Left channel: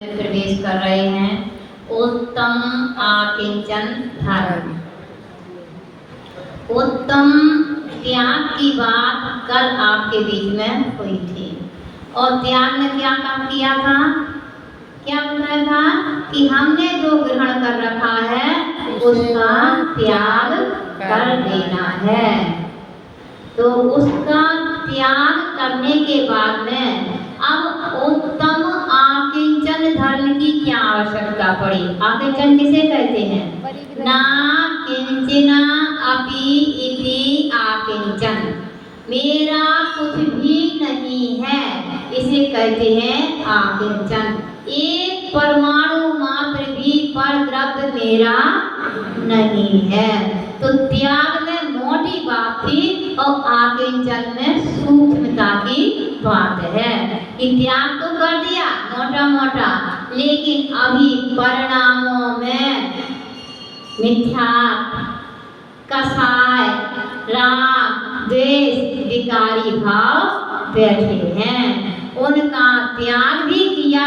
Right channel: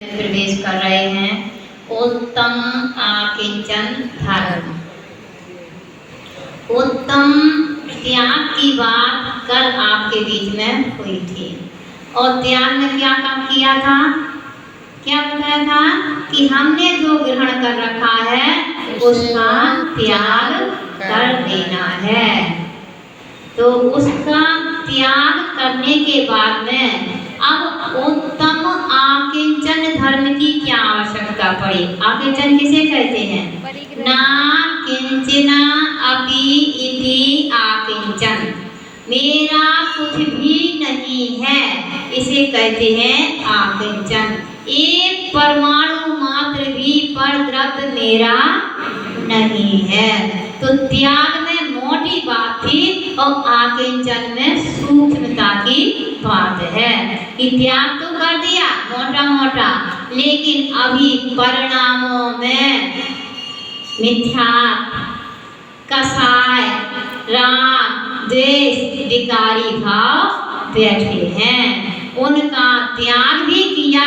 प्रवेश कर रहे हैं उत्तम आकिंचन धर्म। उत्तम त्याग की बात कल आपके बीच में हुई थी और त्याग में क्या काम किया था, क्या बताया था कि हमने जो ग्रहण कर रखा है उसका त्याग कर देना है। तो उसका त्याग करने के बाद में अब उत्तम आकिंचन धर्म की क्या आवश्यकता पड़ी। आकिंचन किसे कहते हैं? ना किंचन अपि इति आकिंचन, मेरा कुछ भी नहीं है, इसे कहते हैं आकिंचन। एक परमाणु मात्र भी पर द्रव्य मेरा नहीं है। तो त्याग में मोटी बात थी और आकिंचन में सूक्ष्मता की बात है कि त्याग तो कर दिया मोटा मोटा, लेकिन अभी परिणामों में मिथ्या, कसाय, राग, द्वेष, विकारी भाव बैठे हैं। उनका त्याग भी किया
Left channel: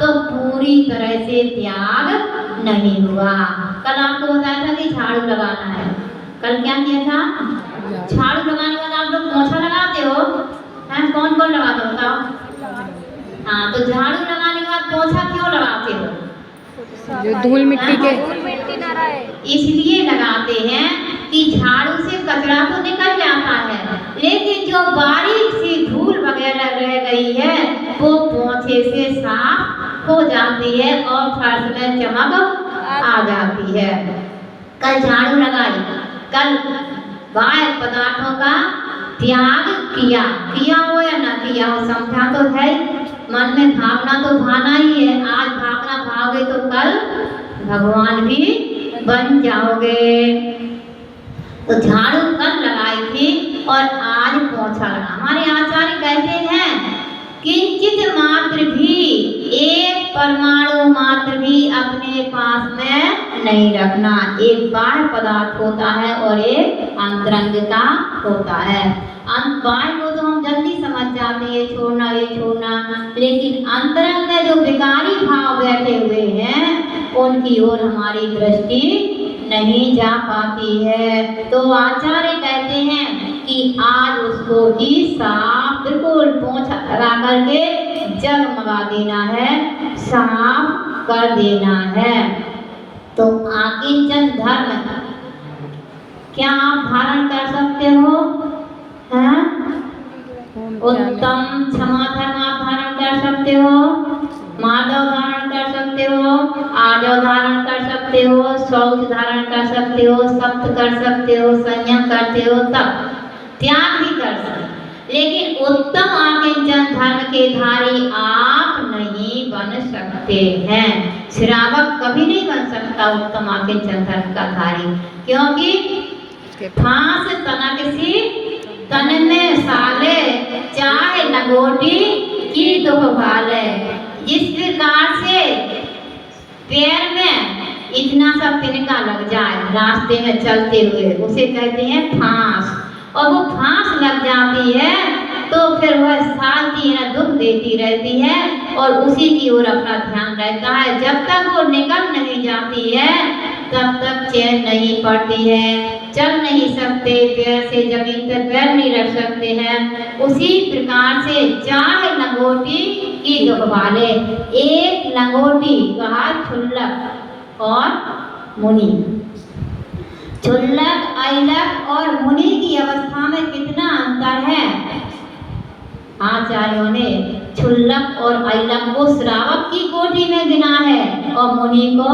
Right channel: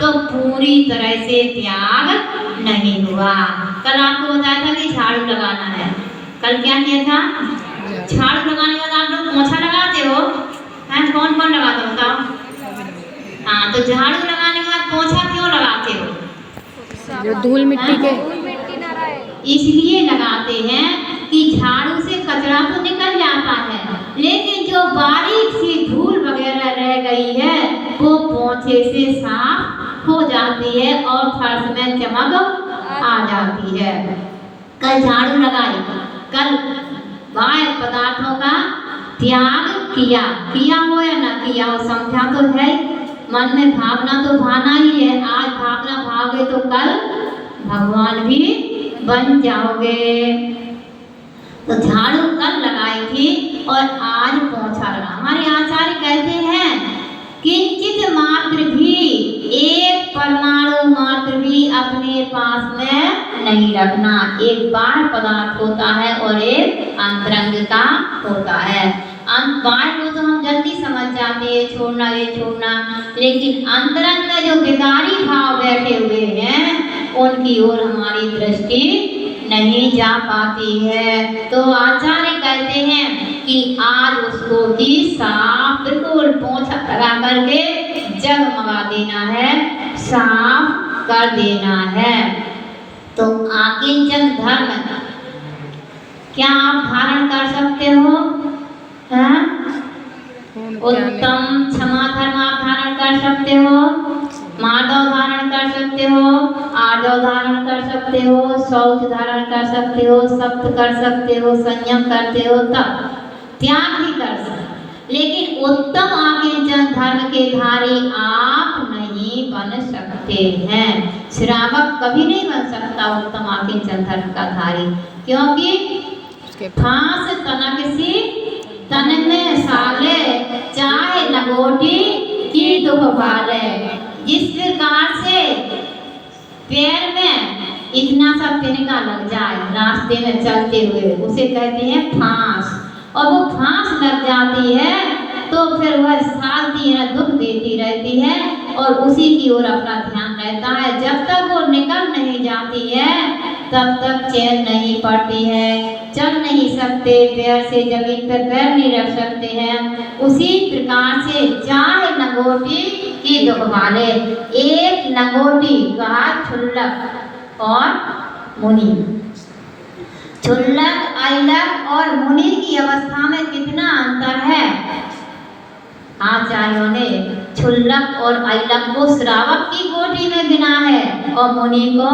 तो पूरी तरह से त्याग नहीं हुआ। कल आपको बताया था कि झाड़ू लगाना है। कल क्या किया था? झाड़ू लगाने के बाद आप लोग पोछा लगाते हो, हैं? कौन कौन लगाते हो बताओ? हाँ, तो झाड़ू लगाने के बाद पोछा क्यों लगाते हो? जो धूल मिट्टी के इसलिए लगाते हैं कि झाड़ू से कचरा तो निकल जाता है, लेकिन जो बारीक सी धूल वगैरह रह गई है वो पोछे से साफ हो जाती है और फर्श में चमक आ जाती है। कल झाड़ू लगाई, कल बाह्य पदार्थों का त्याग किया, किया हो या ना किया हो समझा तो है। मन में भावना तो भाना ही है। आज भावना भागोगे तो कल भगवान भी बन जाओगे। तो झाड़ू कल लगाई थी और आज पोछा लगा। हमारे आचार्य कहते हैं किंचित मात्र भी, एक परमाणु मात्र भी अपने पास में नहीं रखना। एक बाह्य पदार्थ होता है और एक अंतरंग का होता है। बाह्य को तो हम जल्दी समझ जाते हैं, छोड़ना ये छोड़ना, लेकिन अंतरंग में जो विकारी भाव बैठे हुए हैं उनकी ओर हमारी दृष्टि नहीं जा पाती है। तो आचार्य कहते हैं कि आज उसको ही साफ बिल्कुल पोंछा लगा करके जगमगा देना है, साफ कर देना है। तो आकिंचन धर्म क्या आप धारण कर सकते हो? हैं? उत्तम क्षमा धर्म आप धारण कर सकते हो, माधव धारण कर सकते हो, आर्जव धारण कर सकते हो, शौच धारण कर सकते हो, सप्त कर सकते हो, संयम करते हो, तब त्याग भी कर सकते। लेकिन उत्तम आकिंचन धर्म के धारी आप नहीं बन सकते हैं। श्रावक कभी नहीं बन सकता उत्तम आकिंचन धर्म का धारी, क्योंकि फांस तनक सी तन में साले, चाहे लगोटी की दुख भाले। जिस प्रकार से पैर में इतना सा तिनका लग जाए रास्ते में चलते हुए, उसे कहते हैं फांस, और वो फांस लग जाती है तो फिर वह सालती है, दुख देती रहती है और उसी की ओर अपना ध्यान रहता है। जब तक वो निकल नहीं जाती है तब तक चैन नहीं पड़ती है, चल नहीं सकते, पैर से जमीन पर पैर नहीं रख सकते हैं। उसी प्रकार से चाहे लंगोटी की दुख वाले, एक लंगोटी कहा क्षुल्लक और मुनि। क्षुल्लक, अइलक और मुनि की अवस्था में कितना अंतर है। आचार्यों ने क्षुल्लक और अइलक को श्रावक की कोटि में गिना है और मुनि को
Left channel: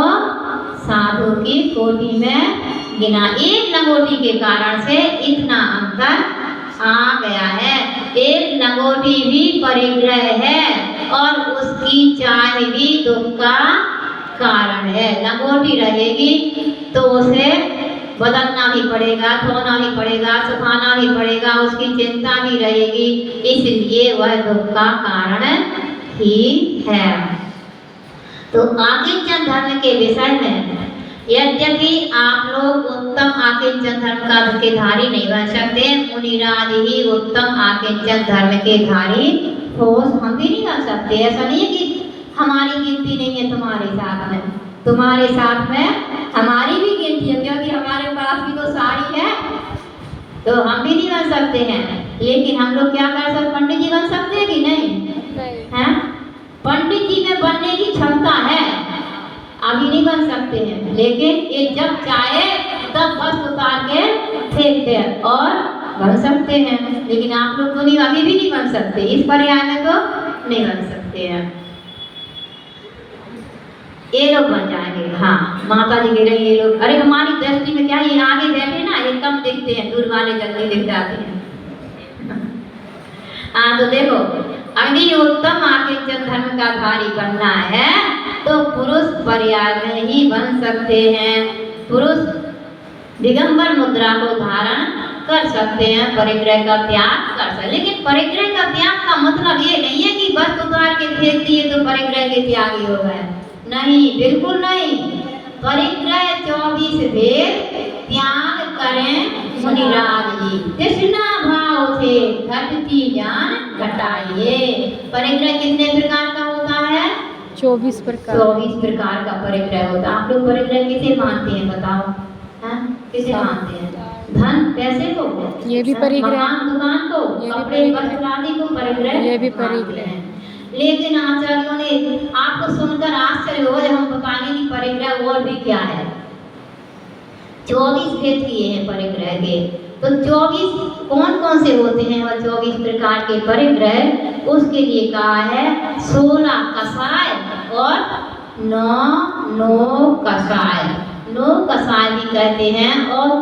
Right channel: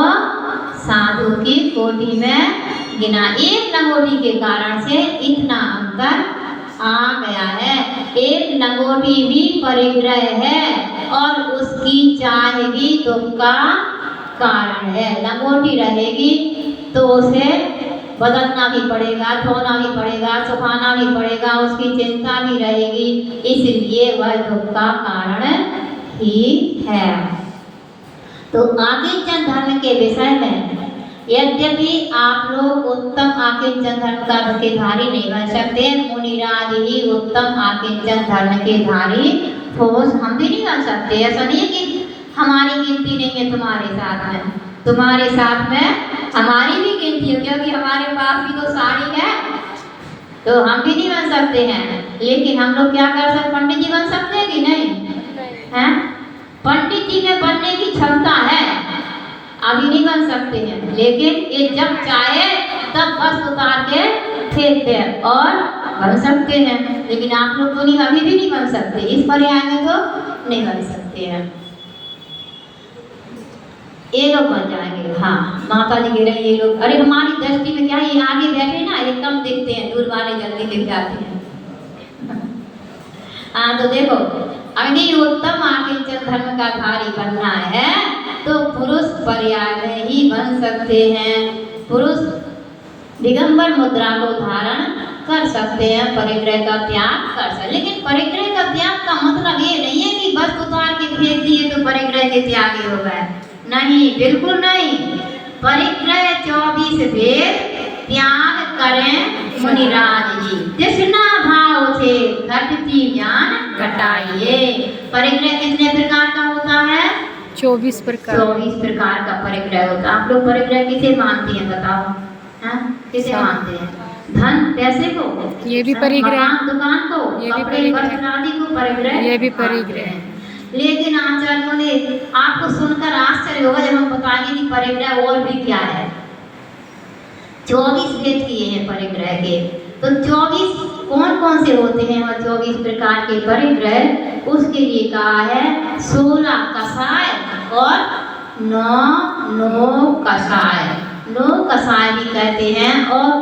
साधु की कोटि में गिना। एक लंगोटी के कारण से इतना अंतर आ गया है। एक लंगोटी भी परिग्रह है और उसकी चाह भी दुख का कारण है। लंगोटी रहेगी तो उसे बदलना भी पड़ेगा, धोना भी पड़ेगा, सुखाना भी पड़ेगा, उसकी चिंता भी रहेगी, इसलिए वह दुख का कारण ही है। तो आकिंचन धर्म के विषय में यद्यपि आप लोग उत्तम आकिंचन धर्म के धारी नहीं बन सकते, मुनिराज ही उत्तम आकिंचन धर्म के धारी ठोस हम भी नहीं बन सकते। ऐसा नहीं है कि हमारी गिनती नहीं है तुम्हारे साथ में, तुम्हारे साथ में हमारी भी गिनती है, क्योंकि हमारे पास भी तो साड़ी है, तो हम भी नहीं बन सकते हैं। लेकिन हम लोग क्या कर सकते, पंडित जी बन सकते हैं कि नहीं हैं? पंडित जी में बनने की क्षमता है, अभी नहीं बन सकते हैं, लेकिन ये जब चाहे तब बस उतार के फेंक दे और बन सकते हैं। लेकिन आप लोग तो नहीं, अभी भी नहीं बन सकते, इस पर्याय में तो नहीं बन सकते हैं। ये लोग बन जाएंगे। हाँ, माता जी कह रही ये लोग, अरे हमारी दृष्टि में क्या ये आगे बैठे ना, ये कम दिखते हैं, दूर वाले जल्दी दिख जाते हैं। हाँ, तो देखो, अग्नि उत्तम आकिंचन धर्म का भारी बनना है तो पुरुष पर्याय में ही बन सकते हैं। पुरुष दिगंबर मुद्रा को धारण कर सकते हैं, परिग्रह का त्याग कर सकते। लेकिन परिग्रह का त्याग का मतलब ये नहीं है कि बस उतार के फेंक दिए तो परिग्रह के त्यागी हो गए, नहीं, बिल्कुल नहीं। परिग्रह 24 भेद त्याग करें मुनिराज जी, तृष्णा भाव से घटती ज्ञान घटाइए। परिग्रह कितने प्रकार का होता है? 24 प्रकार। 24 प्रकार का परिग्रह होता है। आप लोग परिग्रह किसे मानते हैं बताओ? हाँ, किसे मानते हैं? धन पैसे को, ये भी परिग्रह, दुकान को, ये भी कपड़े परिग्रह, वस्त्र आदि को परिग्रह, ये भी परिग्रह। लेकिन आचार्यों ने आपको सुनकर आश्चर्य होगा जब हम बताएंगे कि परिग्रह और भी क्या है। 24 भेद किए हैं परिग्रह के, तो 24 कौन कौन से होते हैं और 24 प्रकार के परिग्रह, उसके लिए कहा है 16 कषाय और 9 कषाय, 9 कषाय भी कहते हैं और